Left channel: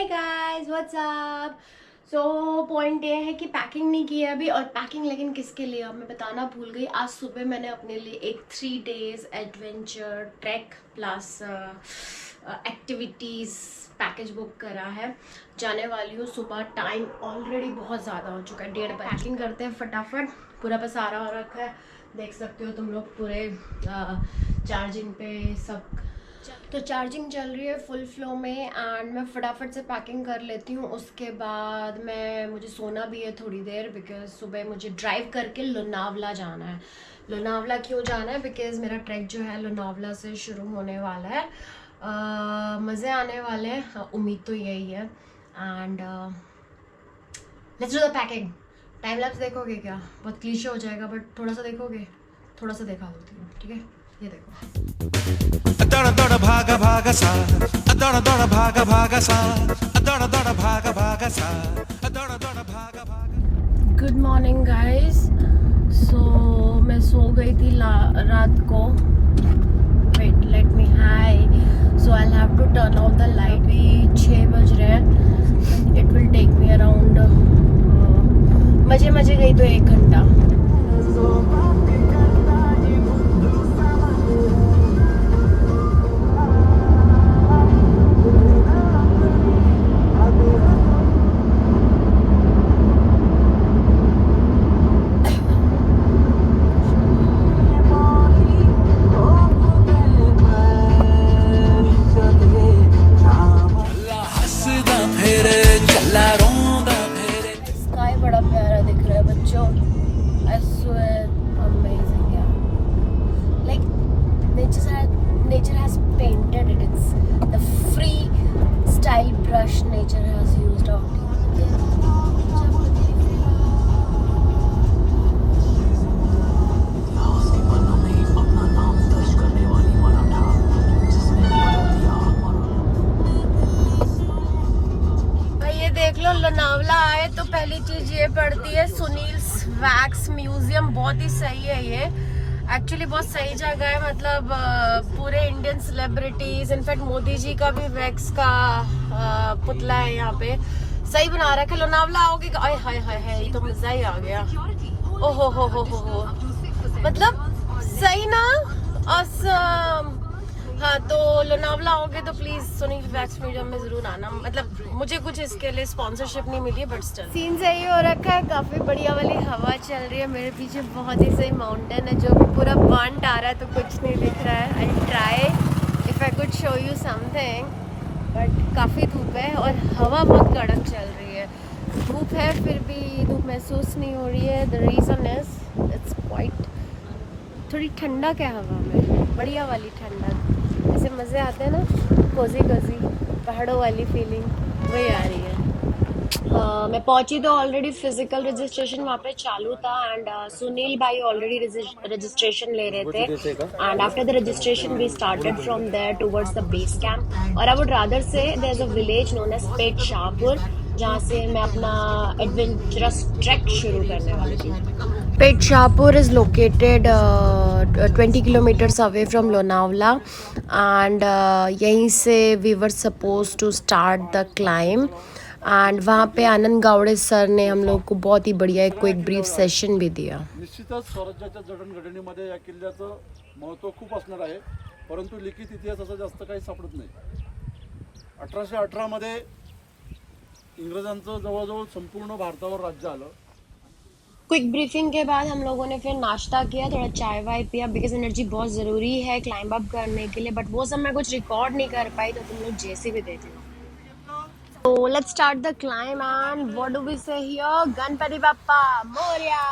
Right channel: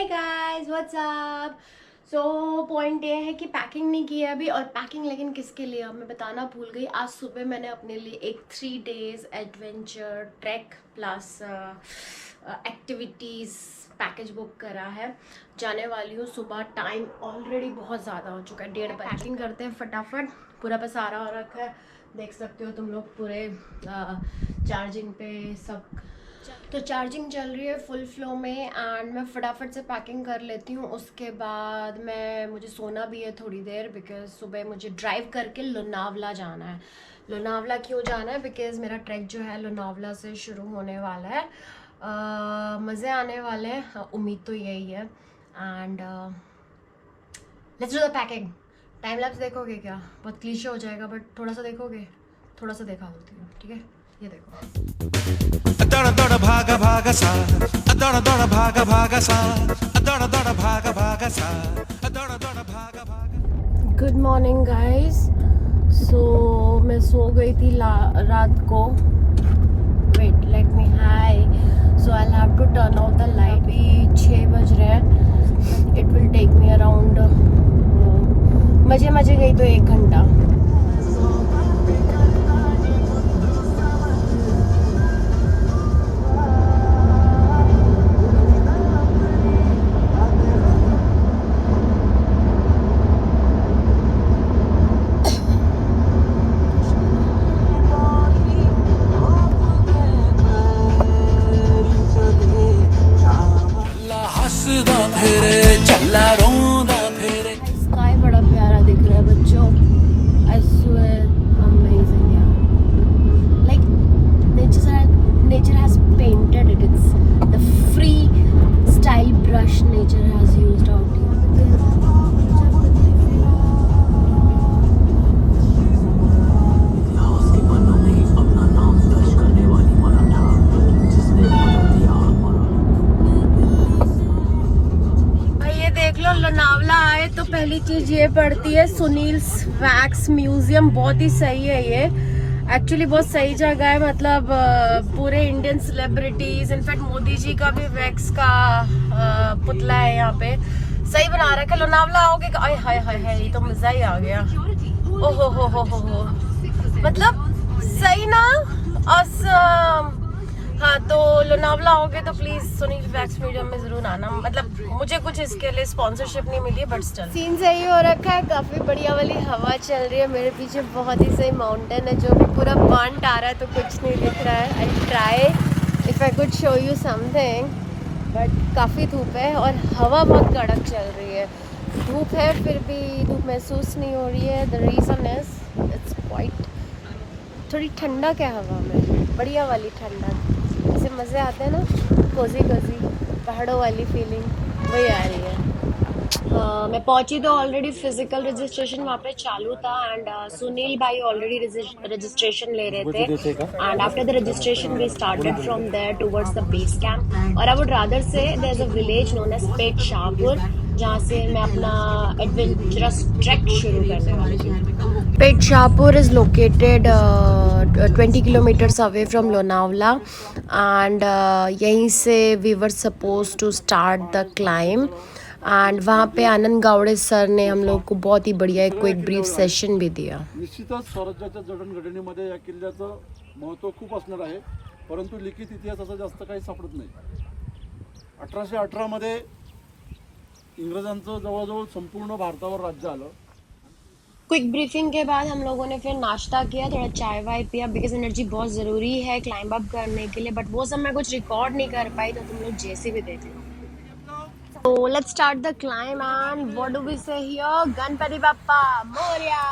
हे guys what's up. So point ये है कि पैकिंग नहीं की है अभी, और पैकिंग लेकिन किसके लिए अब मैं बताना भूल गई। आज सुबह मैंने अपने लिए एक 3 days adventure track plus activities package book करा है। जाने वाली हूँ सुबह। टाइम ऑलरेडी बहुत ज़्यादा हो चुका है, 1:30 बजे। पैकिंग करते हैं फटाफट। पूरा पसारा हो रखा है, देख सकते हो तुम लोग। पूरे चार्जिंग पे सब, तो चार्जिंग चल रही है फुल फ्लो में। एंड मैं फटाफट से पैकिंग कर लेती हूँ। उसके बाद मुझे सोना भी है थोड़ी देर, बिकॉज सुबह मुझे ड्राइव करके लोनावला जाना है। लोनावला क्यों जाना है? बिकॉज मेरा ट्रैक जो है लोनावला से शुरू होने वाला है। मज़े आने वाले हैं, उम्मीद तो यही है। And let's do the packing. Time lapse देखोगे क्या? बहुत क्लीशे हो जाएगा, बट थोड़ा सा देखोगे? थोड़ा सा दिखा देती हूँ, ठीक है? ये देखो। दौड़ दौड़ भागा भागा सा, दौड़ दौड़ भागा भागा सा, दौड़ दौड़ भागा भागा सा, दौड़ दौड़ भागा भागा। Good morning guys. सो मैं सो गई थी रात को। Wait, let me high. So I have to turn off the light. भी 6 बज रहे हैं। It will take me around मजे गई तो 1 घंटा। स्काई बड़ा प्यारा दिख रहा है बच्चों। आई स्वेयर अमेजिंग यार। Like nature has painted it. It's the free style brush nature has used out here. Lonavala आए तो पहली चीज ये पड़ती है सुनील्स वैक्स म्यूजियम। बहुत ही सही है ये, एक्चुअली बहुत सही जगह है। मतलब पूरे Indian celebrities, in fact Modi ji का भी वैक्स का पुतला है यहाँ पे। सही बना रखा है। लोनावला आओगे, आय हाय हाय हाय, ये तो मजा ही आ गया। ओहो हो, मतलब सही ना। awesome। हाँ, तो लोनावला आओगे तो प्लीज सुनील वैक्स म्यूजियम में जरूर आना। मतलब मुझे कुछ इसके लिए स्पॉन्सरशिप नहीं मिली है, बट स्टिल सीन सही हो रखा है। काफी बढ़िया वाली हवा चल रही है। मेरे पीछे बहुत ही सही माउंटेन है जो भी पूरा बर्न्ट आ रहा है, तो कुछ नहीं दिख रहा है। I try if I could show you something, but काफी धूप है और हवा बहुत कड़क चल रही है। धूप है फिर भी धूप महसूस नहीं हो रही है। The reason is it's quite थोड़ी ठंडक है हवा में, बढ़िया वाली ठंडक। ऐसे मज़े आते हैं ना, कोजी पहाड़ों वाली फीलिंग, वही आ रही है। मैं पहुंची तो ऑलरेडी फिजिकल रजिस्ट्रेशन वहाँ पे चालू था। एंड सुनील भाई ऑलरेडी रजिस्ट्रेशन ले रहे थे। And after the registration we started from there towards the base camp. और I would rather say there is a village known as Peth Shahpur, जहाँ से मैं अपना एडवेंचरस ट्रैक शुरू करने वाली थी। Pet Shahpur is located 20 kilometers away from Lonavala, and यहीं से we were supposed to start the climb. And वहाँ पे आनंद गावड़े सर ने हम लोग को बहुत ही बढ़िया एक क्विक ब्रीफ सेशन भी दिया। निश्चितच स्वराज्याच्या जडणघडणीमध्ये या किल्ल्याचं महत्त्व खूप असणार आहे, परंतु लिखित इतिहास असा जास्त काही सापडत नाही। 1818 मध्ये इंग्रजांचं जवळजवळ संपूर्ण भारतावर राज्य आलं। क्विक ब्रीफिंग के बाद हम लोगों ने फिर नाश्ता किया, थोड़ा चाय वाय पिया, बिकॉज एनर्जी बहुत ज़रूरी है क्लाइंब अप करने के लिए। बट वो सब मैं कुछ रिकॉर्ड नहीं कर पाई, तो तुम लोग जैसे भी देख लो। So let's start the climb, and what do we say here? Ganpati Bappa Morya.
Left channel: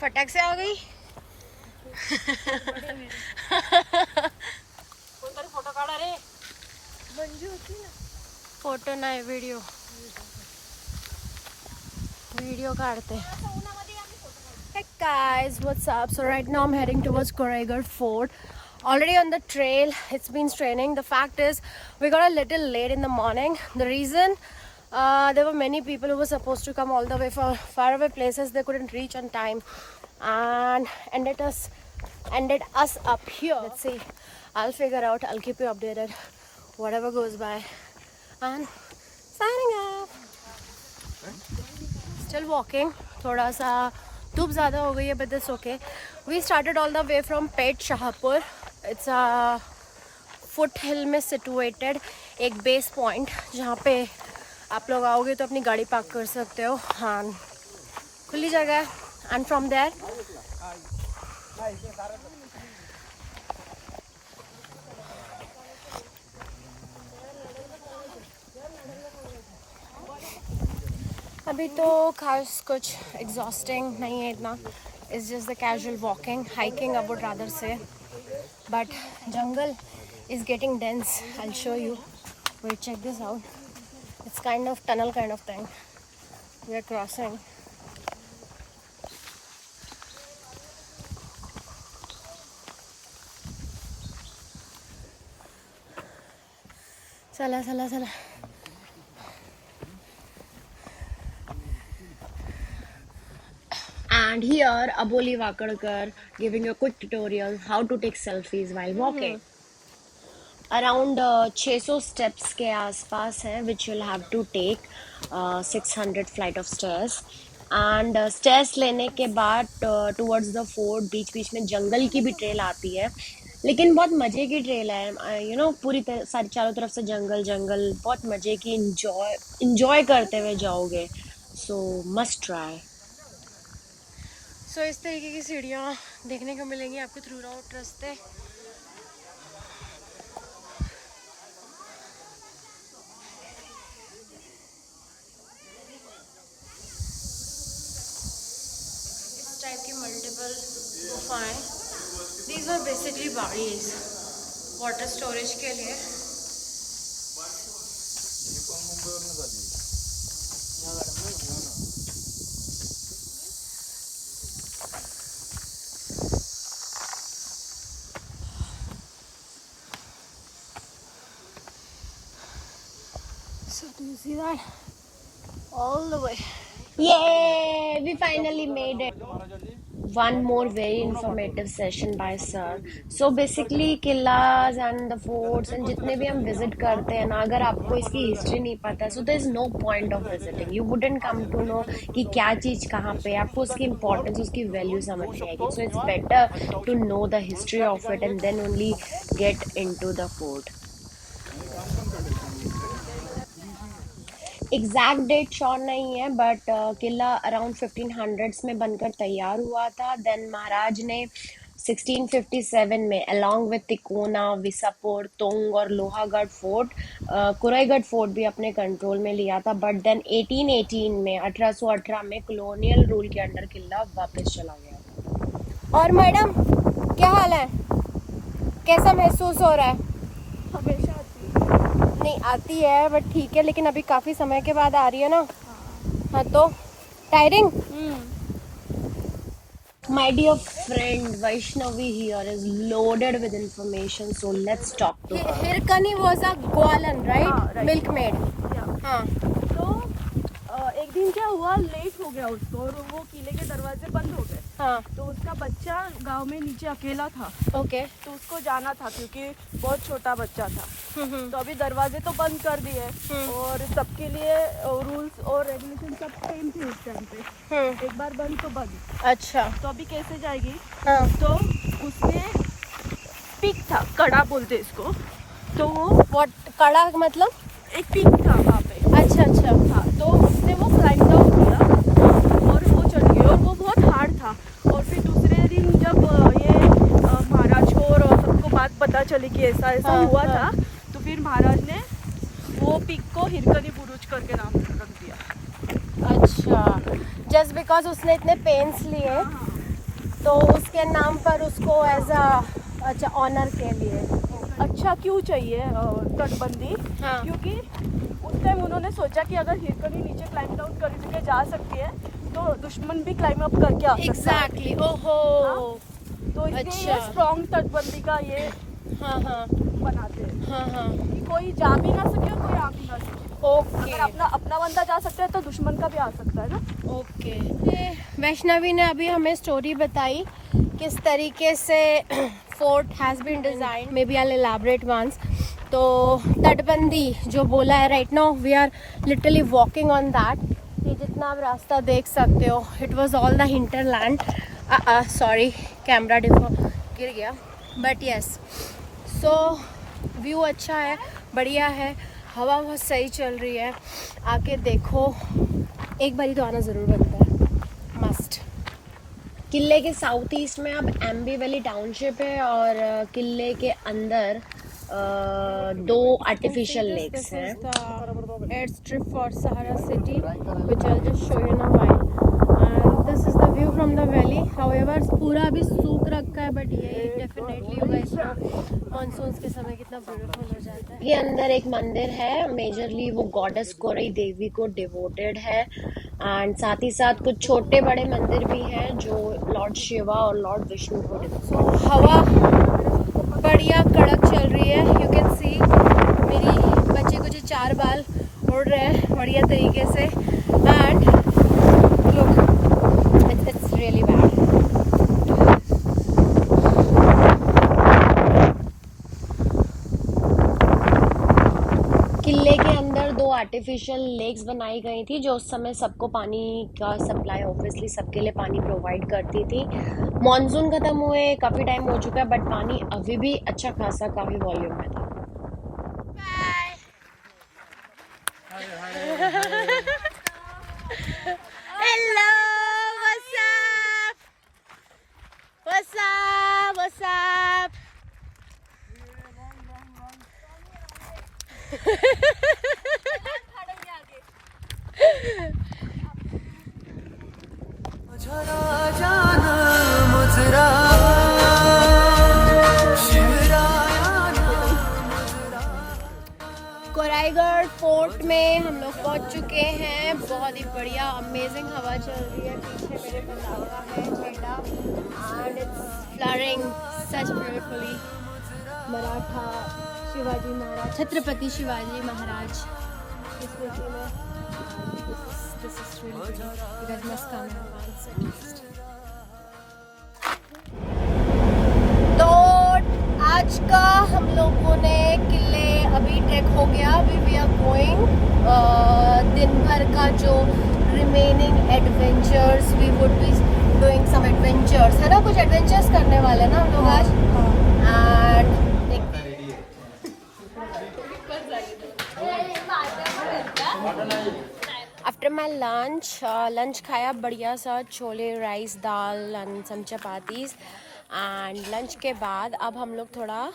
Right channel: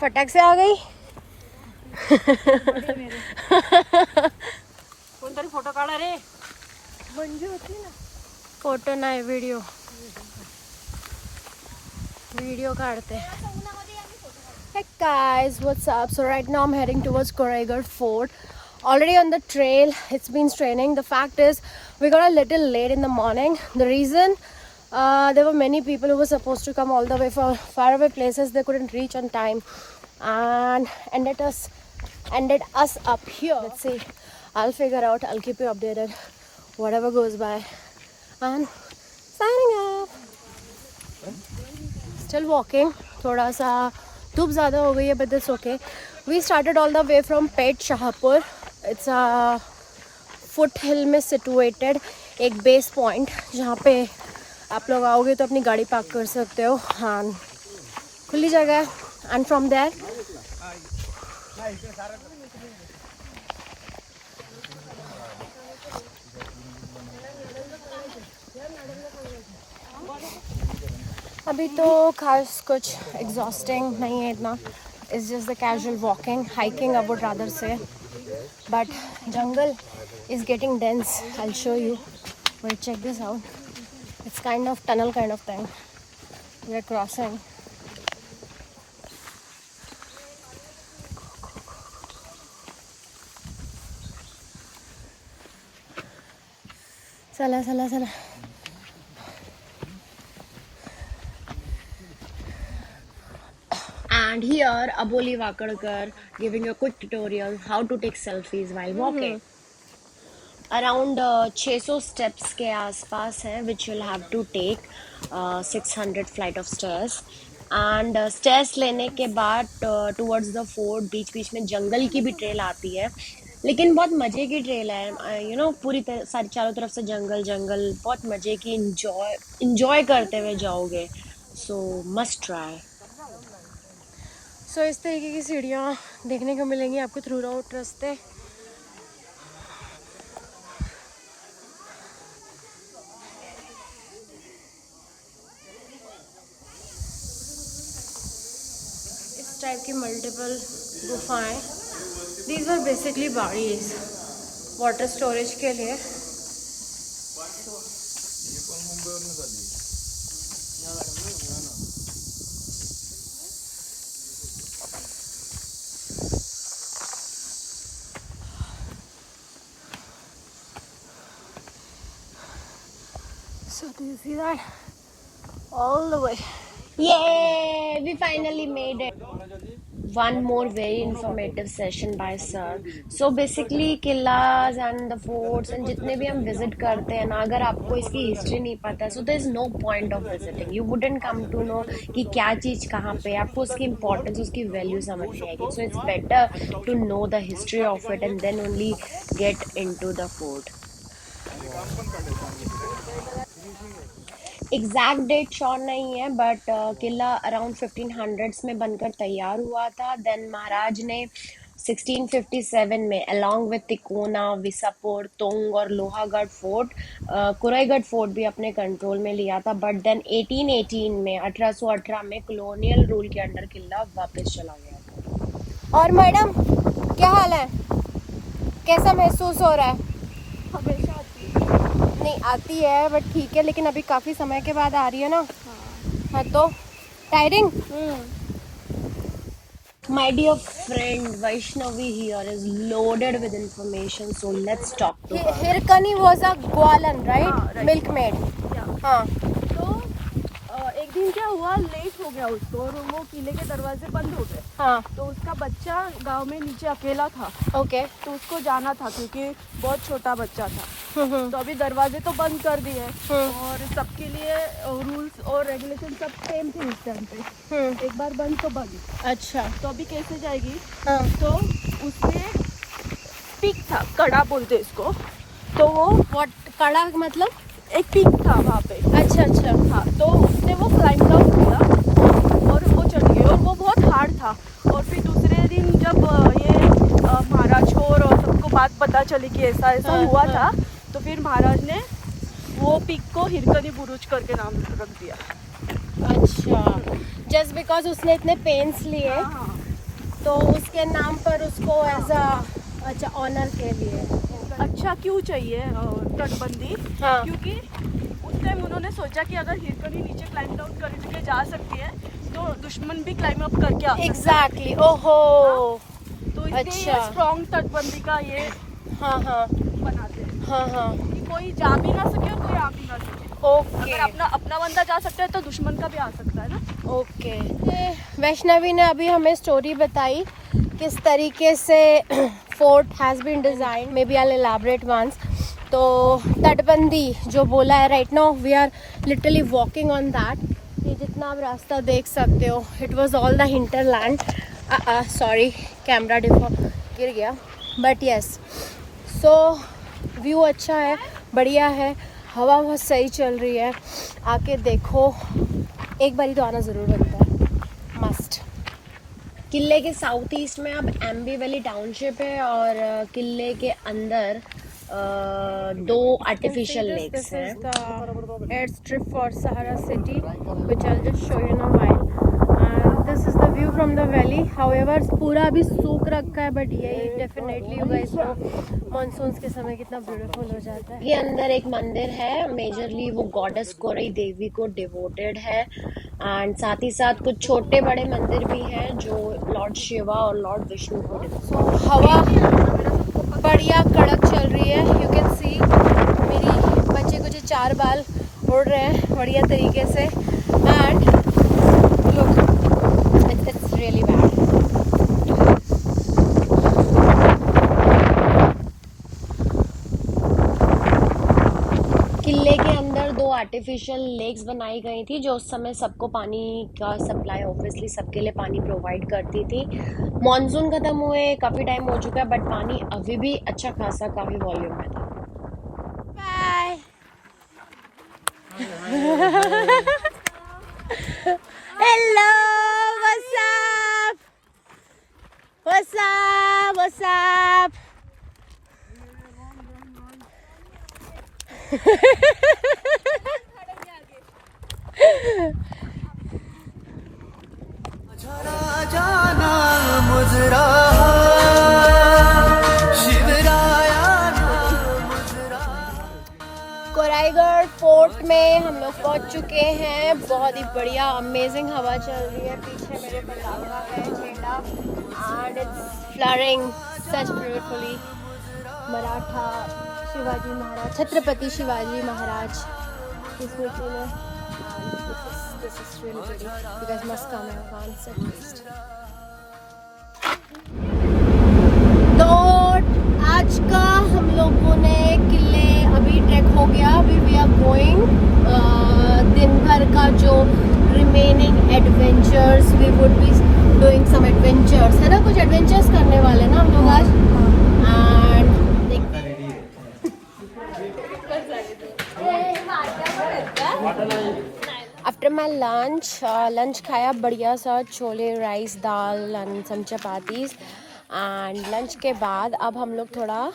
फटक से आ गई। कोणतरी फोटो काढा रे। फोटो नाही, वीडियो काढते। Hey guys, what's up? So right now I'm heading towards Koregarh Fort. Already on the trail. It's been straining. The fact is we got a little late in the morning. The reason there were many people who were supposed to come all the way from faraway places. They couldn't reach on time and ended us up here. Let's see, I'll figure out, I'll keep you updated whatever goes by. and signing off. Still walking. थोड़ा सा धूप ज़्यादा हो गई है, but it's okay. We started all the way from Pet Shahpur. It's a foothill में situated एक base point जहाँ पे आप लोग आओगे तो अपनी गाड़ी पार्क कर सकते हो. हाँ, खुली जगह है. एंड फ्रॉम देयर अभी तो खास कुछ एग्जॉस्टिंग नहीं है इतना. It's just the casual walking, hiking I would rather say. But jungle is getting dense. I'll show you. Wait, check this out. It's kind of tunnel kind of thing we are crossing. Chala chala chala. And here Aboli Vakadkar giving you a quick tutorial how to take selfies while walking. Around 600 steps के आसपास है which you'll have to take 600 flight of stairs. And stairs लेने के बाद towards the fort बीच बीच में जंगल की भी ट्रेल आती है, लेकिन बहुत मज़े की ट्रेल है. यू नो पूरी तरह सारी चारों तरफ से जंगल जंगल, बहुत मज़े की इंजॉय करते हुए जाओगे. सो मस्ट ट्राई. सो इस तरीके की सीढ़ियाँ देखने को मिलेंगी आपको थ्रू आउट रास्ते. टाइप की मल्टीपल गुफाएं. These are basically bodies water storage के लिए. So do you see that? All the way. Yay! We finally made it. One more very informative session by sir. So basically किलाज and the forts and जितने भी हम visit करते हैं ना, अगर आपको इसकी history नहीं पता है, so there is no point of visiting. You wouldn't come to know कि क्या चीज़ कहाँ पे है. आपको उसकी importance, उसकी value समझ में आएगी. So it's better to know the history of it and then only get into the fort. Exact date sure नहीं है, बट किला अराउंड 1500s में बनकर तैयार हुआ था. देन महाराज ने 1657 में अलॉन्ग विद तिकोना, विसापुर, तोंग और लोहागढ़ फोर्ट, कुराईगढ़ फोर्ट भी अपने कंट्रोल में लिया था. बट देन 1818 में 1818 में कॉलोनियल रूल के अंडर किला वापस चला गया था. और मैडम क्या हाल है, कैसा महसूस हो रहा है? हमेशा नहीं आती है बट ठीक है, लेकिन अभी काफी समय के बाद आ रही है ना. हाँ तो tiring. My dear friend Vaishnavi here is loaded with information, so let's talk to her. Hirkani was a Gwalan, right? Milkmaid. हाँ. तो एक दिन क्या हुआ, लेट हो गया उसको और वो किले के दरवाजे बंद हो गए. हाँ. तो उसका बच्चा गांव में नीचे अकेला था. ओके. तो उसको जाना था क्योंकि बहुत छोटा बच्चा था. तो अभी दरवाजे तो बंद कर दिए और सबके लिए रूल्स और रेगुलेशन सब सेम थे इस टाइम पे. एक बार बंद तो बंद. अच्छा. तो अभी कैसे जाएगी? हाँ. तो उसमें पिक था, कड़ा बोलते इसको. तो वो व्हाट कड़ा मतलब? एक पिक था वहाँ पे. अच्छा अच्छा. हाँ, तो उसने वो क्लाइंब डाउन किया और वो चढ़ गई और वो बहुत हार्ड था. और फिर दूसरे दिन जब ये महाराज को और सबको बात पता चली कि ऐसा ऐसा हुआ था, तो फिर महाराज ने वो पिक को हिरकनी बुरुज करके नाम रख दिया. अच्छा, जस्ट बिकॉज उसने इतने पेन्स लिए तो उसके नाम पर उसको एज अ अच्छा ऑनर के लिए. अच्छा क्यों चाहिए तटबंदी? हाँ. क्योंकि उस टाइम उन्होंने सोचा कि अगर हिरकनी नीचे क्लाइंब डाउन करके जा सकती है तो दुश्मन भी क्लाइंब अप करके आ सकता है. एग्जैक्टली. ओहो. तो इसलिए अच्छा. ये स्ट्रॉन्ग तटबंदी का ये हाँ हाँ बनाते हैं हाँ हाँ. कि कोई जा भी ना सके और कोई आ भी ना सके. ओके. अगर अपना बंदा जा सकता है तो दुश्मन का भी आ सकता है ना. ओके. वैष्णवी ने अभी हमें स्टोरी बताई किस तरीके से fort has been design. Maybe I will elaborate once. तो तटबंदी जो बोला है, right now we are literally walking on that. ये जितना आप रास्ता देख सकते हो, it was all the hinterland. Sorry camera गिर गया, बट यस। सो व्यू अच्छा है, बढ़िया है, हवा बहुत सही चल रही है। आके देखो, एक बारी तो आना ज़रूर बनता है, मस्ट। किले के साउथ ईस्ट में अब एम्बी वैली टाउनशिप है और किले के अंदर 2 आर्टिफिशियल लेक्स हैं। Air strip for Sahara city which I will just show you in a while. And this is the view from the valley. However पूरा अभी सूख रखा है, बट ये definitely you guys know monsoon के समय कितना ब्यूटीफुल हो जाता है। ये अंदर एक मंदिर है, मेजरली वो गॉडेस कोरई देवी को डिवोटेड है। एंड साथ ही साथ कुछ छोटे बड़े मंदिर भी हैं जो लॉर्ड शिवा और लॉर्ड विष्णु को डिवोटेड। हवा बढ़िया कड़क चल रही है, यू कैन सी। मेरी बच्चे कुछ 4 बाल उड़ रहे हैं बढ़िया तरीके से। And look, it's really bad. किले के अंदर 2 आर्टिफिशियल लेक्स बनाई गई थी जो उस समय सबको पानी का सप्लाई, ऑब्वियसली सबके लिए पानी प्रोवाइड करती थी। मॉनसून खत्म हुए काफ़ी टाइम हो चुका है, बट पानी अभी भी अच्छा खासा काफ़ी वॉल्यूम में था। Bye. Hello, what's up, what's up, what's up. Koraigad fort में हम लोग पहुंच चुके हैं। बहुत ही बढ़िया अमेजिंग हवा चल रही है। पीछे मेरे पताका है, झंडा, and it's fluttering such beautifully. Maratha Shivaji Maharaj, Chhatrapati Shivaji Maharaj की स्मृति में। This is really pretty. You guys must come here once at least. तो आज का हम लोगों ने किले अभी ट्रैक हो गया। अभी वी आर गोइंग दिन भर का जो remaining adventures, we would be doing some adventures, है ना, कुछ एडवेंचर्स करने वाले ना हम लोग आज। एंड देखते हैं। आफ्टर माई लंच खाया बढ़िया सा chole, rice, dal and some chapatis. And lunch के बाद अब हम लोग थोड़ा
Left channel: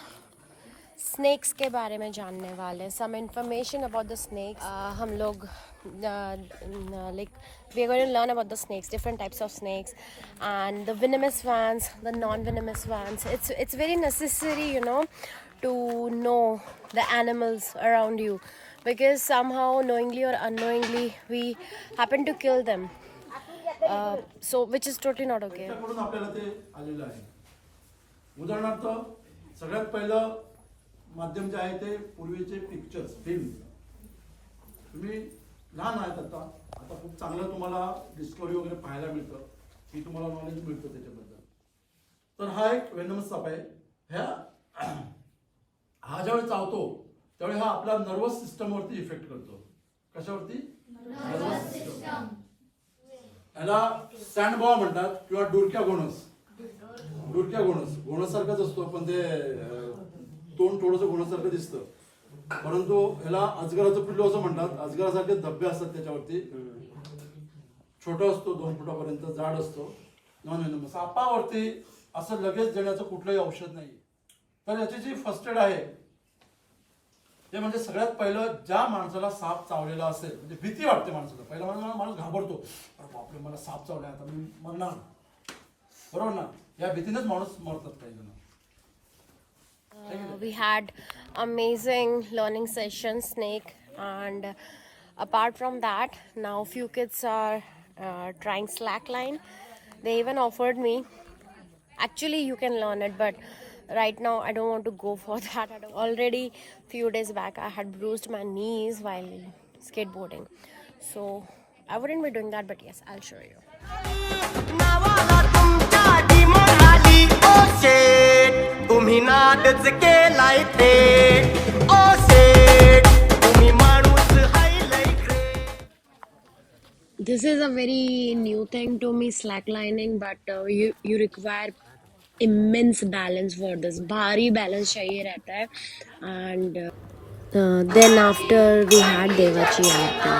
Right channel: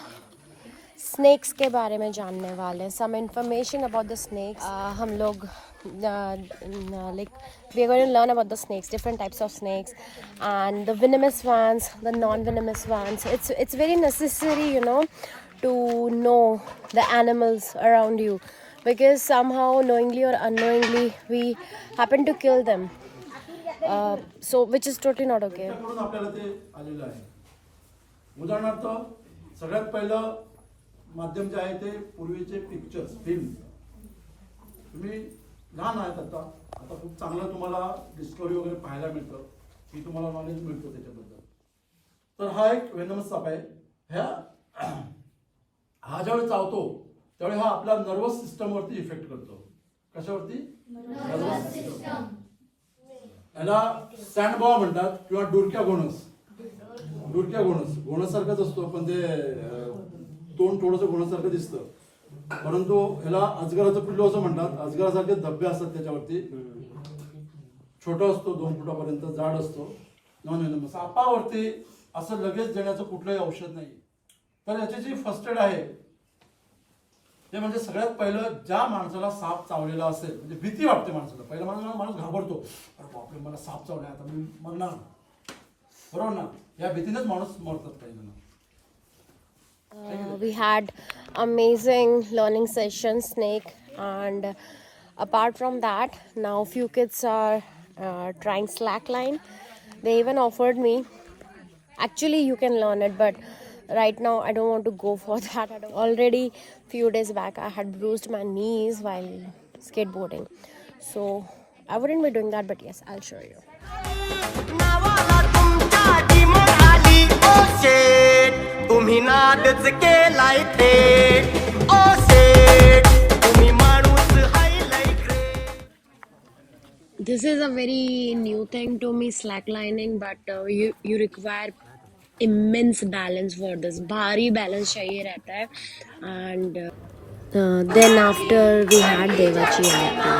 स्नैक्स के बारे में जानने वाले हैं, some information about the snacks. हम लोग like we are going to learn about the snakes, different types of snakes, and the venomous ones, the non-venomous ones. It's very necessary, you know, to know the animals around you, because somehow knowingly or unknowingly we happen to kill them, so which is totally not okay. त्याच्याकडून आपल्याला ते आलेलं आहे. उदाहरणार्थ सगळ्यात पहिलं माध्यम जे आहे ते पूर्वीचे पिक्चर्स, फिल्म. तुम्ही लहान आहेत आता खूप चांगलं तुम्हाला डिस्कवरी वगैरे पाहायला मिळतं, की तुम्हाला नॉलेज मिळतं त्याच्याबद्दल. तर हा एक वेनमस साप आहे. हा ज्यावेळी चावतो त्यावेळी हा आपल्या नर्वस सिस्टमवरती इफेक्ट करतो. कशावरती? Nervous system. याला सँडबॉ म्हणतात किंवा डुरक्या घोणस. डुरक्या घोणस घोणसारखाच असतो, पण ते तोंड थोडंसं घोणसारखं दिसतं, परंतु ह्याला अजगराचं पिल्लू असं म्हणतात. अजगरासारखे धब्बे असतात त्याच्यावरती. छोटा असतो, 2 फुटापर्यंत जाड असतो. सापावरती असं लगेच देण्याचं कुठलंही औषध नाही. तर याची जी फर्स्ट एड आहे ते म्हणजे सगळ्यात पहिलं ज्या माणसाला साप चावलेला असेल, म्हणजे भीती वाटते माणसाला, पहिला माणूस घाबरतो, अरे बापरे मला साप चावलाय, आता मी मरणार, बरोबर ना. या भीतीनेच माणूस मरतात काही जण. We had amazing learning session, snake, and apart from that, now few kids are trying slackline. They even offered me. Actually, you can learn it, but right now I don't want to go for that. Already few days back I had bruised my knees while skateboarding, so I wouldn't be doing that, but yes, I'll show you. तुम्ही नादच केलाय ते. सेठ तुम्ही माणूस हाय लय great. This is a very new thing to me, slacklining, but you require immense balance for this. भारी balance चाहिए रहता है. And then after we had Devachi Aarti.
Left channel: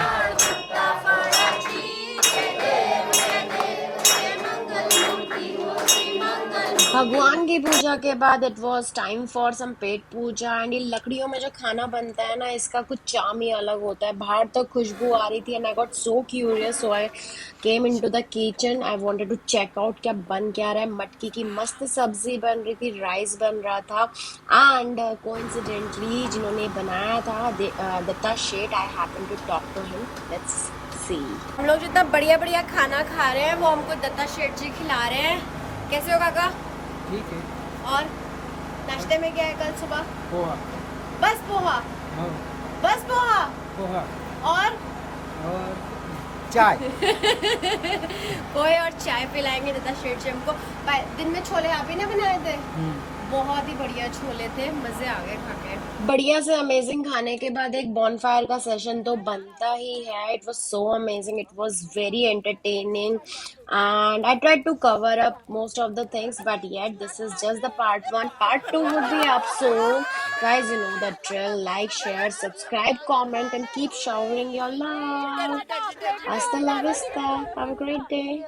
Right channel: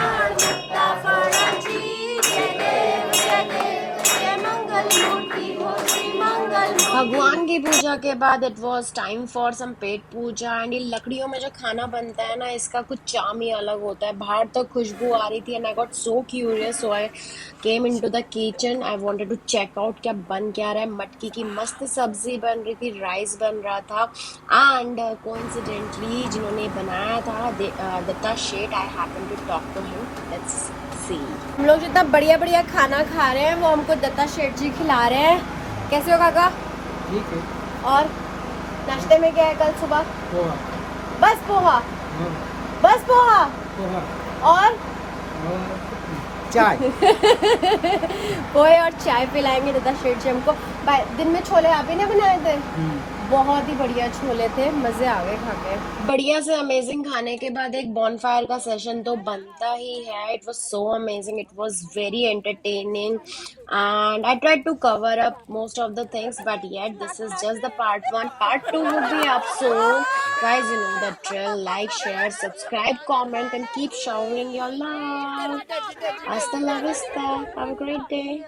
भगवान की पूजा के बाद it was time for some pet puja. And ये लकड़ियों में जो खाना बनता है ना, इसका कुछ चाम ही अलग होता है. बाहर तक खुशबू आ रही थी and I got so curious, so I came into the kitchen. I wanted to check out क्या बन क्या रहा है. मटकी की मस्त सब्जी बन रही थी, राइस बन रहा था. एंड कोइंसिडेंटली जिन्होंने बनाया था, Datta Sheth, I happen to talk to him. Let's see. हम लोग जितना बढ़िया बढ़िया खाना खा रहे हैं वो हमको दत्ता शेठ जी खिला रहे हैं. कैसे हो काका? ठीक है. और नाश्ते में क्या है कल सुबह? पोहा. बस पोहा? हाँ, बस पोहा? पोहा और और चाय. पोहे और चाय पिलाएंगे दत्ता शेठ जी हमको. दिन में छोले आप ही ने बनाए थे? बहुत ही बढ़िया छोले थे, मजे आ गए खा के. बढ़िया से अमेजिंग खाने के बाद एक बॉनफायर का सेशन तो बनता ही है. It was so amazing, it was very entertaining and I tried to cover up most of the things, but yet this is just the part 1. Part 2 would be up soon. Guys, you know the drill. Like, share, subscribe, comment and keep showering your love. Hasta la vista. Have a great day.